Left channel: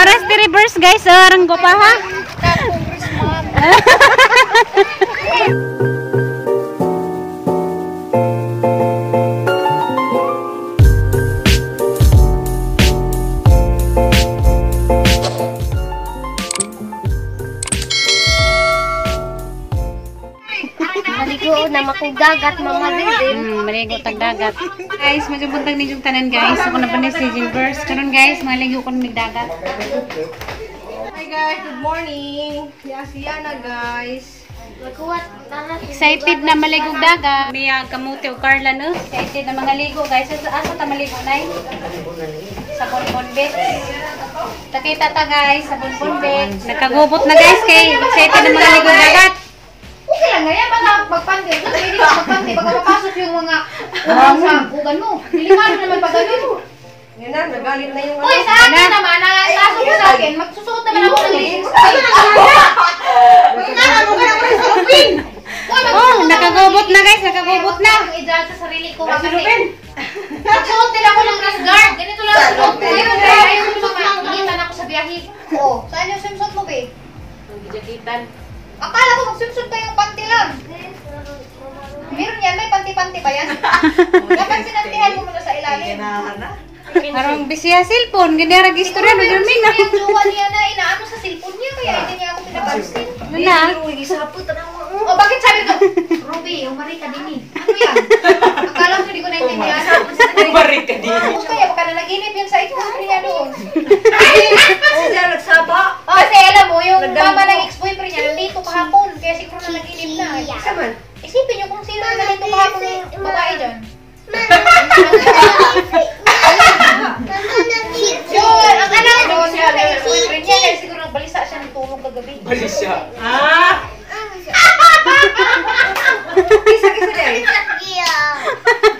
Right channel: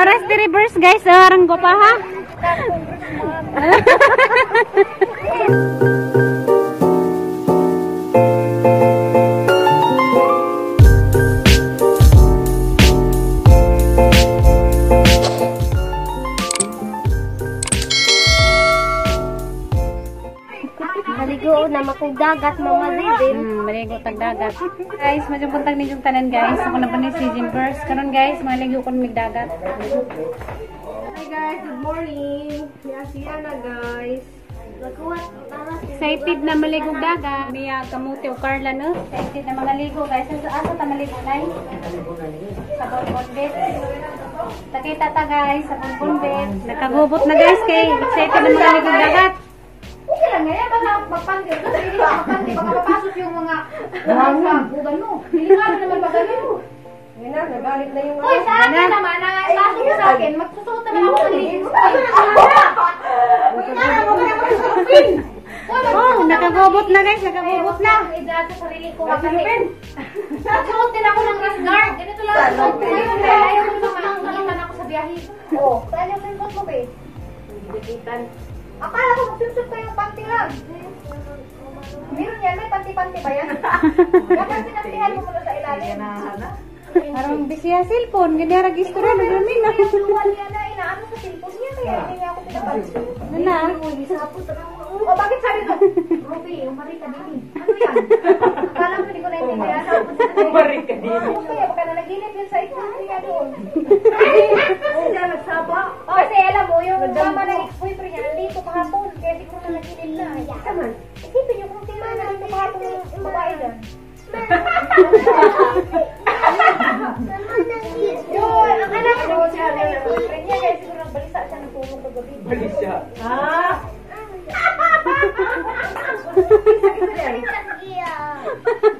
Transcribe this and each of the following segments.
Oras di reverse guys, orang ko pa ha. Maligo na makugdagat mama din. Maligo tag dagat. Guys, medyo puntag ni yung tanan guys. Ako na pa ni si Jinverse. Karon guys, maligo ko ng dagat. Hi guys, good morning. Siya na guys. Excited na maligo dagat. Mia kamuti o Carla no. Excited na mga ligo guys. Asa ta maligo nay? Sa Bonbon Beach. Takita ta guys sa Bonbon Beach. Nakagubot na guys kay excited na mga ligo dagat. Okay lang nga yan, basta magpanti. Pwede ka magpanti, baka mapasok yung mga sa bugan mo. Dilimano naman pag gano'n. Yun na, nagalit na yung... Uy, sa akin naman, nakasok ko sa akin, magsusuot naman ako ng lipstick. Oh, nakagubot na guys, nakagubot na. I-judge sa sarili ko kasi magsuot din ako ng rest guard. Ganito lang ang suot ko. Ngayon, ayaw ko naman makikitan ako sa biyahe. Oo, saan yung swimsuit mo, be? Jakitan. Akala ko mag-swimsuit pa yung panty lang. Meron yan, may panty-panty ba yan? Dapat sinantihan mo muna sa ilalim. Parang bisiya cellphone, ganda register na Yung namin na. jowa niya na inaano sa cellphone niya, kaya hindi niya ako pinapansin. Na. O bakit sabi ko, Ruby, umari ka din eh. Ano yan? Akala ko hindi ko naintindihan. Umari ka din. Tapos kaya, baka na naginip yan sa ex-boyfriend niya doon. Sila nagsaba. Kasi alam mo, yung mama ng ex-boyfriend niya, nandito kahapon. Kaya siguro na naginip na. Isipin niyo kung sino na nandito kahapon ng babae dyan. Yun, ang anak doon, yun ang ex-boyfriend niya. Kaya siguro nagbalisa siya ng tulog kagabi. Balisa. Kisa-kisa niya eh.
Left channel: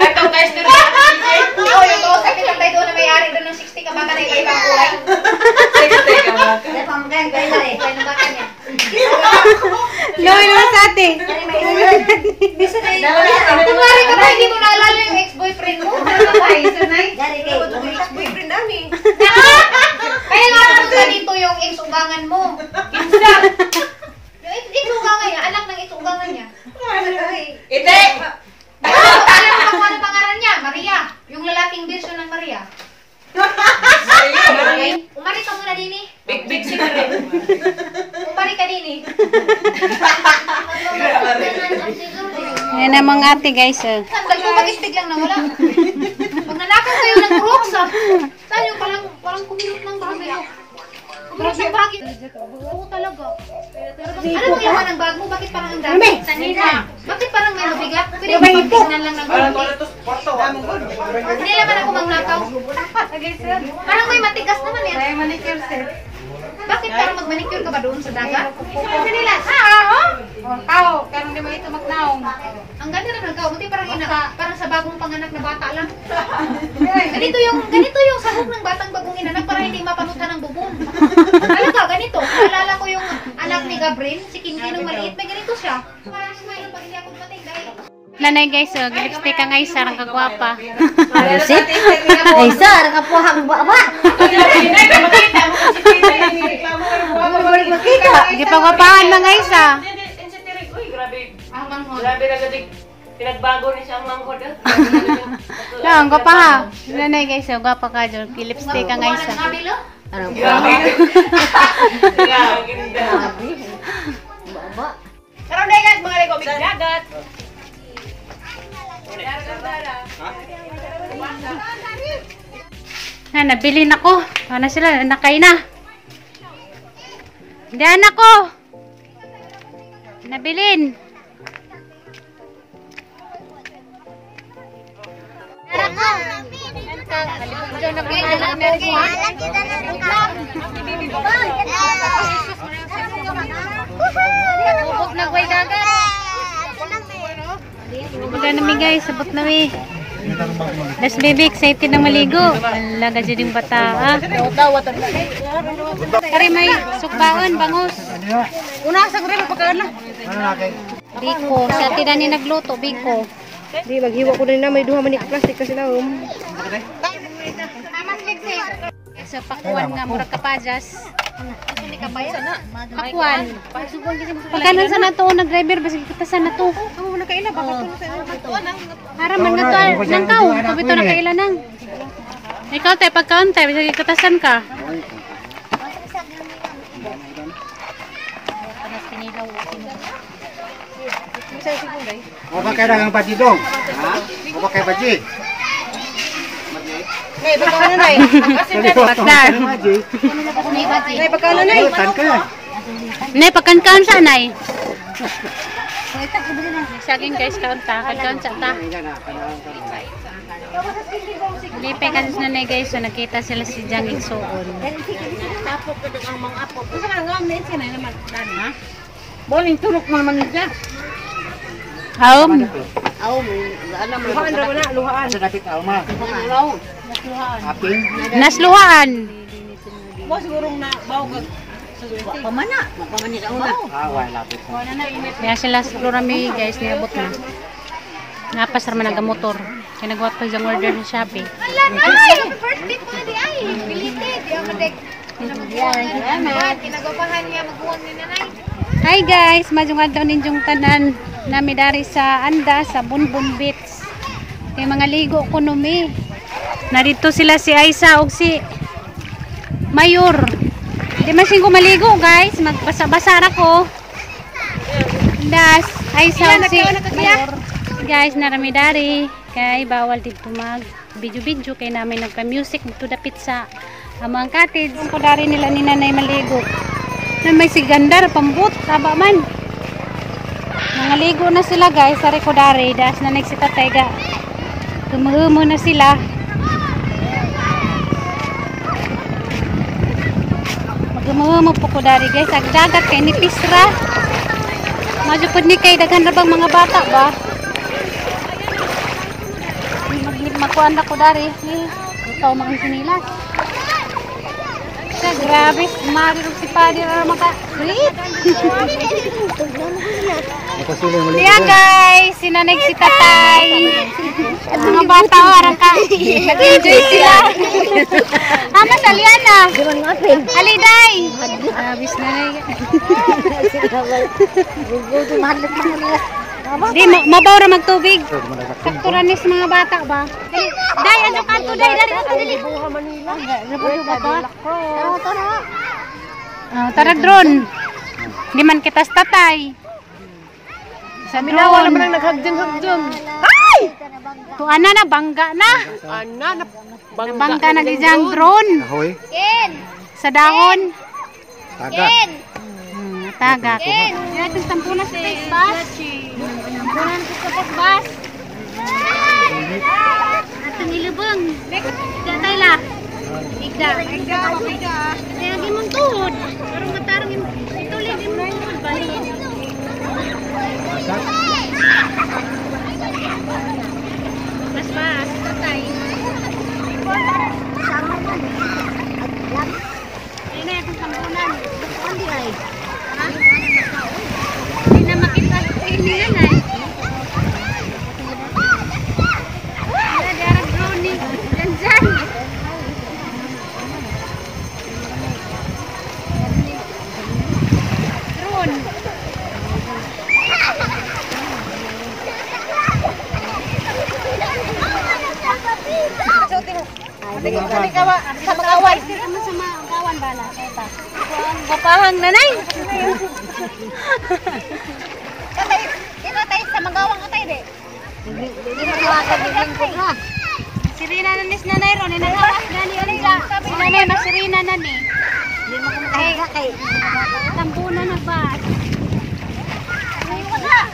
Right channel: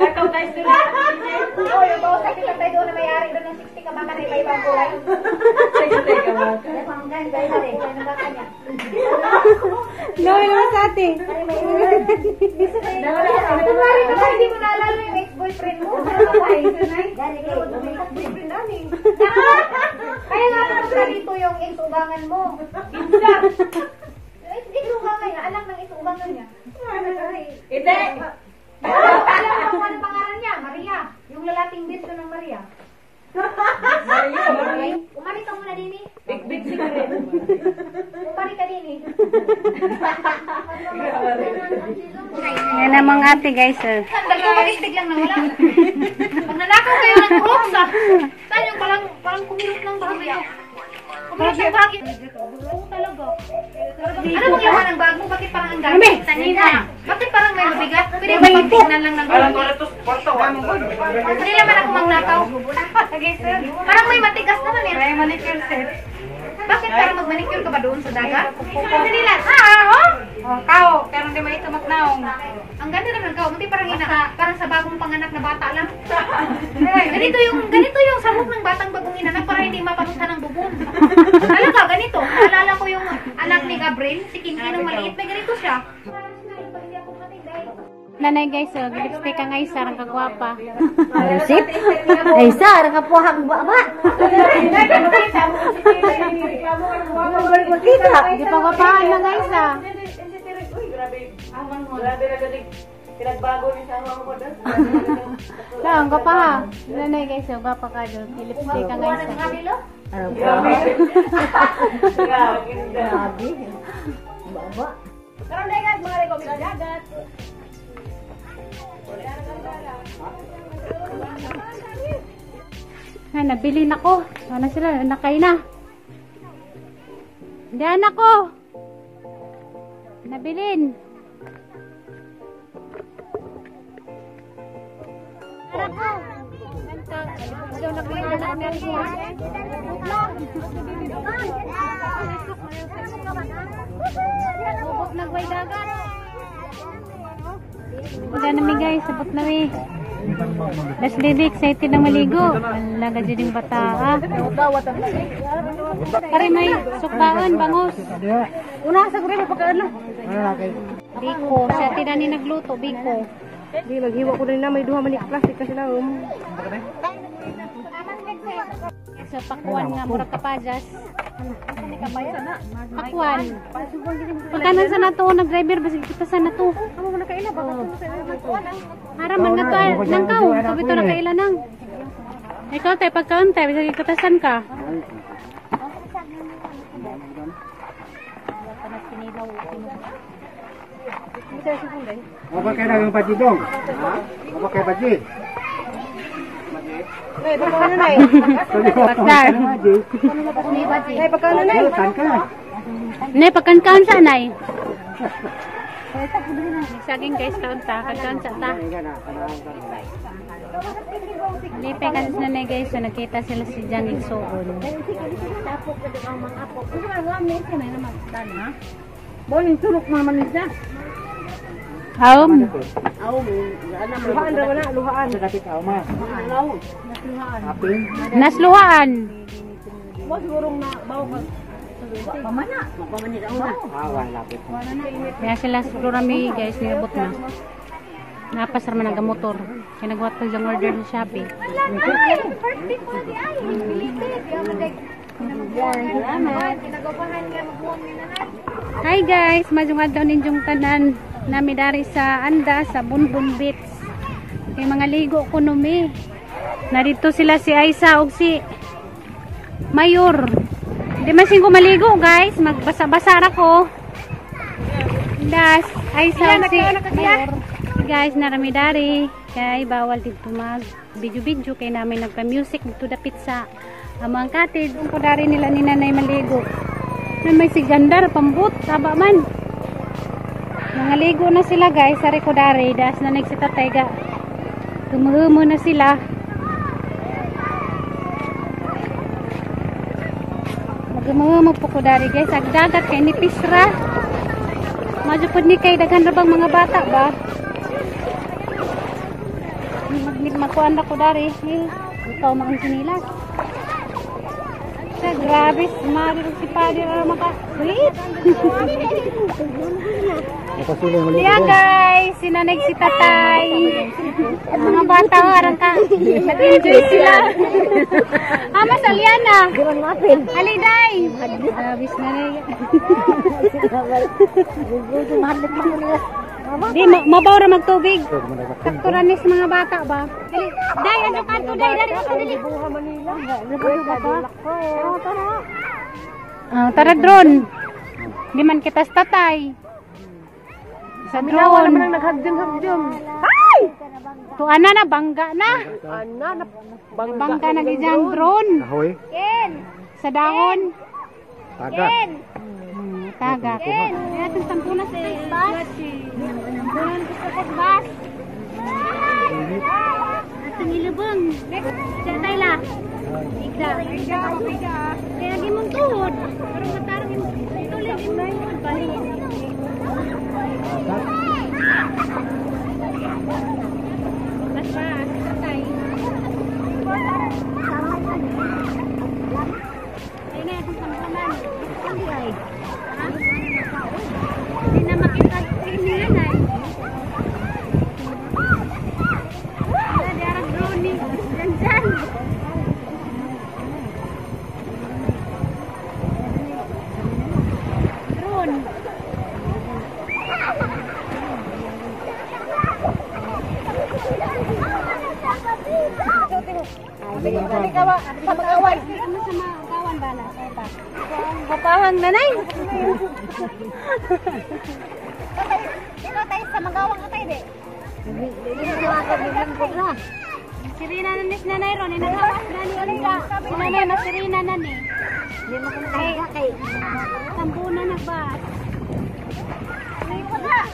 Ikaw guys, dito. Oo, yung to, sa kitang doon na may-ari doon ng 60 ka baka na iba-ibang kulay. Teka mo. Kaya ng baka niya. Gawin mo sa atin. Kunwari ka ba, hindi mo naalala yung ex-boyfriend mo? Boyfriend namin. Kaya nga ano ka dito yung ex-ugangan mo? Yung ex-ugangan niya, anak ng ex-ugangan niya. Ite! Alam mo kung ano pangalan niya? Maria. Yung lalaking version ng Maria. Okay? Umari ka muna din eh. Big secret. Umari ka din eh. Yan ang mga ate guys. Bakit biglang nawala? Pag nanakaw kayo ng rocks ah. Saan yung parang kumilot ng bagay mo? Kumilot ng bagay. Oo talaga. Ano bang laman ng bag mo? Bakit parang ang dami? Bakit parang may mabigat? Pwede ba tingnan lang ng konti? Hindi naman ako magnakaw. Parang may matigas naman eh. Kaya manicure set. Bakit parang magmanicure ka ba doon sa dagat? Hindi nila. Oh, kao. Pero hindi may ito magnaong. Ang ganda naman ka, hindi parang sa bagong panganak na bata lang. Ganito yung sahog ng batang bagong inanak para hindi mapanutan ng bubon. Talaga, ganito. Naalala ko yung anak ni Gabriel, si Kinky nung maliit, may ganito siya. Nanay guys, lipstick ka nga isa, ang kagwapa. Alusit? Ay, sir, kapuhang baba. Makita. Hindi pa gwapahan mga isa. Uy, grabe. Grabe na gadig. Pinagbago ni siya ang mangkod. Ang gwapa ha. Nanay guys, gwapa ka dyan. Lipstick ka nga isa. Arang Grabe. baba. Grabe. Baba. Karoon na guys, mga lego, big dagat. Nabili na ko. Ano sila? Nakay na. Hindi anak ko. Nabilin. Bubog na guay dagat. Wala nami guys, sabot nami. Das baby excited na maligo. Laga dyan yung bata ha. Kari may sukbaon, bangus. Una sa kuri pagkaan na. Biko, sa atin ni nagluto, biko. Di, maghiwa ko na may duha manik plastic kasi lang. sa pakuan nga murag kapajas. Hindi ka ba yan? Pakuan. Pagkanan sa nato nag driver basig kita sa nato. Haraman nga to nang kaw, kabito na kaila nang. Ikaw tay pagkaon tay basig katasan ka. Apa kaya ng baji dong? Ha? Apa kaya baji? Nay, baka nay. Pakdar. Nay, baka nay. Tan ka. Nay pagkan sa nay. Saging guys kaunta, pagkaon sa ta. Lipe kasi na nay guys, so nakita sila si Jang Igsoon. Tapok ko ang mga apo. Kasi nga ngamin siya na naman dani, ha? Boling turok mo naman niya. Aum. Luhaan ra na, luhaan. Sa kapit alma. Aping. Nasluhaan. Mo sigurong na bawo ka. Pamana. Away lapit. Kaya sila siguro rami guys, niabot na. Napasar man ang motor. Kaya nagwat pa yung order ng Shopee. Ay, first date mo di ay. Bilited. Di ako dek. Kinagapahan niya maghuwag ni nanay. Hi guys, majungad daw ninyong tanan nami dari sa Anda sa Bunbun Beach. Kay mga ligo kuno mi. Narito sila si Aisa ug si Mayor. Di masin ko maligo guys, magbasa-basa ra ko. Das Aisa ug si Mayor. Guys, narami dari kay bawal dito mag video-video kay namin nagka-music dito dapit sa amang cottage. Kung dari nila ni nanay maligo. Na may sigandar pambut taba man. Nangaligo na sila guys sa Rekodari das na nagsitatayga. Humuhumo na sila. Magumuhumo po ko dari guys. Agdagat kay ni Pisra. Majupod ni kay daghan ra bang mga bata ba? Magkuan na ko dari. Utaw mga sinilas. Grabe, mariro si Padre na makakulit. Yan guys, sinanay si tatay. Mga bata o, arang ka. Nag-enjoy sila. Ama, saliana. Haliday. Abis na na di, mabawra magtubig. Fakturan niya sa mga bata ba? Day, ano kanto, day, dari ako dali. Nabubuha ba? Tara drone. Di man kita sa tatay. Sa drone. Ay! Tuan na, bangga na. Bangga na gijang drone. Hoy. Sa dahon. Taga. Tagak. Yan itong tampunan sa face bus. Tampunan sa face bus. Ito nilubang. Datay la. Igda. Kaya gimong tuhod. Parang matarang yung tuloy. Mas pa. Tatay. Sama na. Ayun na itong tampunan. Basta di ay. Hindi na makita ini yan ay. Wala diarag drone ni. Diyan. Drone. Sa mag-away. Sama kawan ba na? Kapahang nanay. Tatay, dito tayo sa magawang ko tayo, de. Hindi magawag din ko ra. Sirina na nis nanay ron. Nagawas na ni Olga. Si nanay masirina na ni. Hindi mo kami kaya kay. Tambunan na ba?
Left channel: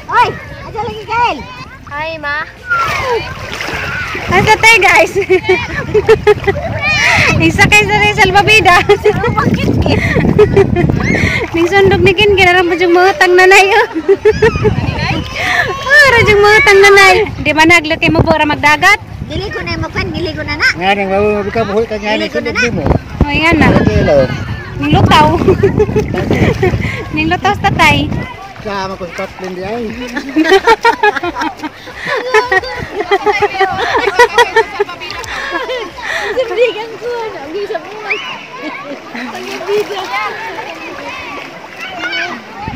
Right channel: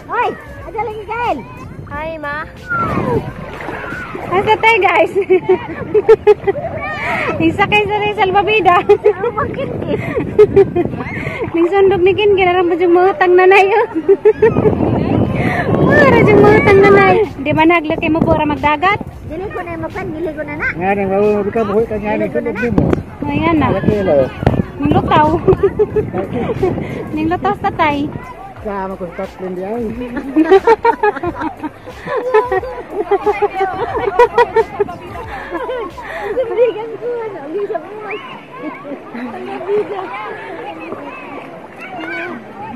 Hoy, aja lagi kail. Hi, ma. Ang tatay guys. Isakay sa rin salbabida. Ning sundog ni Kin, ginaram pa yung mahutang nanay. Rajang mahutang nanay. Di ba naglaki mo bura magdagat? Dili ko na mo kan, dili ko na na. Nga nang mabubuhay ka buhay ka nga ni sundog di mo. O yan na. Hello. Ning lutaw. Ning lutaw sa tatay. Sama ko sa Scotland di ay.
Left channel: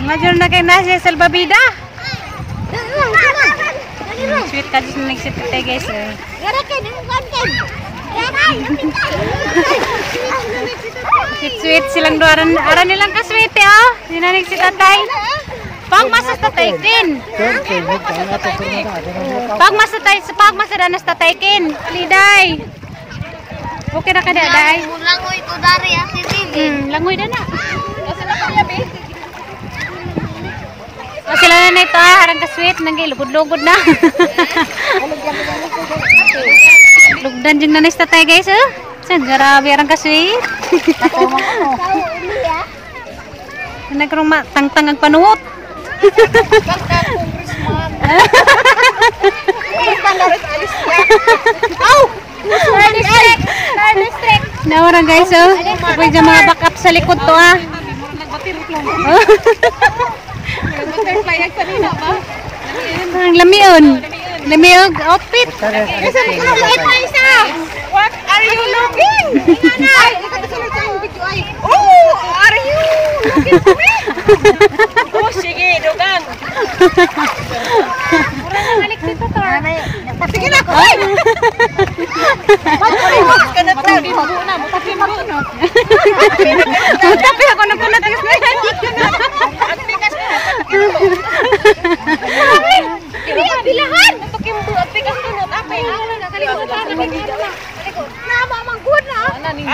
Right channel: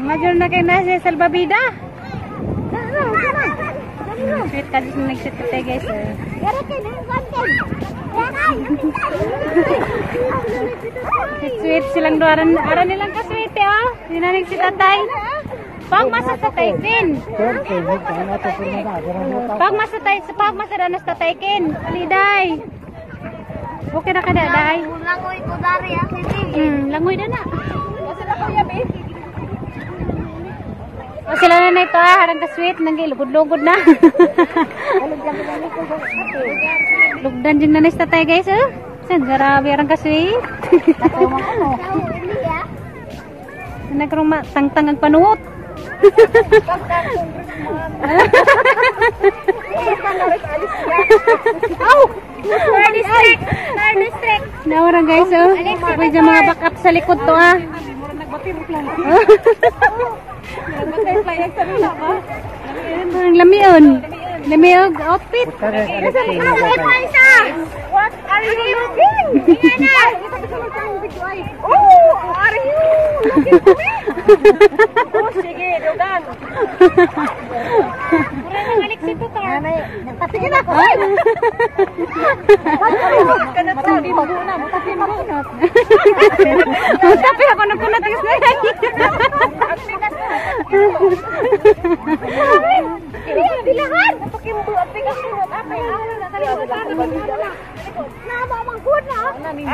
Major na kay nasi salbabida. Sweet ka dito nag-sit ka guys. Sweet silang duaran. Aran nilang ka sweet oh. Dinanig si tatay. Pag masa tatay kin. Pag masa danas tatay kin. Liday. Okay na kada day. Langoy ko dari ang TV. Langoy na na. O sila na ito harang ka sweet. Nanggilugod-lugod na. Lugdan din na tatay guys oh. San grabe harang ka sweet. Nagkarong tangtang ang panuot. Nawarang guys oh. Pwede dyan mga backup sa likod to ah. Ang lamion. Lamiog outfit. What are you looking? Ay, ito sa lang video ay. Oh, are you looking for me? Oh, sige, dugang. Mura na balik si Tutor. Sige na ko. Matapimbo na, matapimbo. Tapi ako na pala tagas na yan. Bilahan! Untuk kimbo at pikas tunod, ape. Nama mang good na. Ani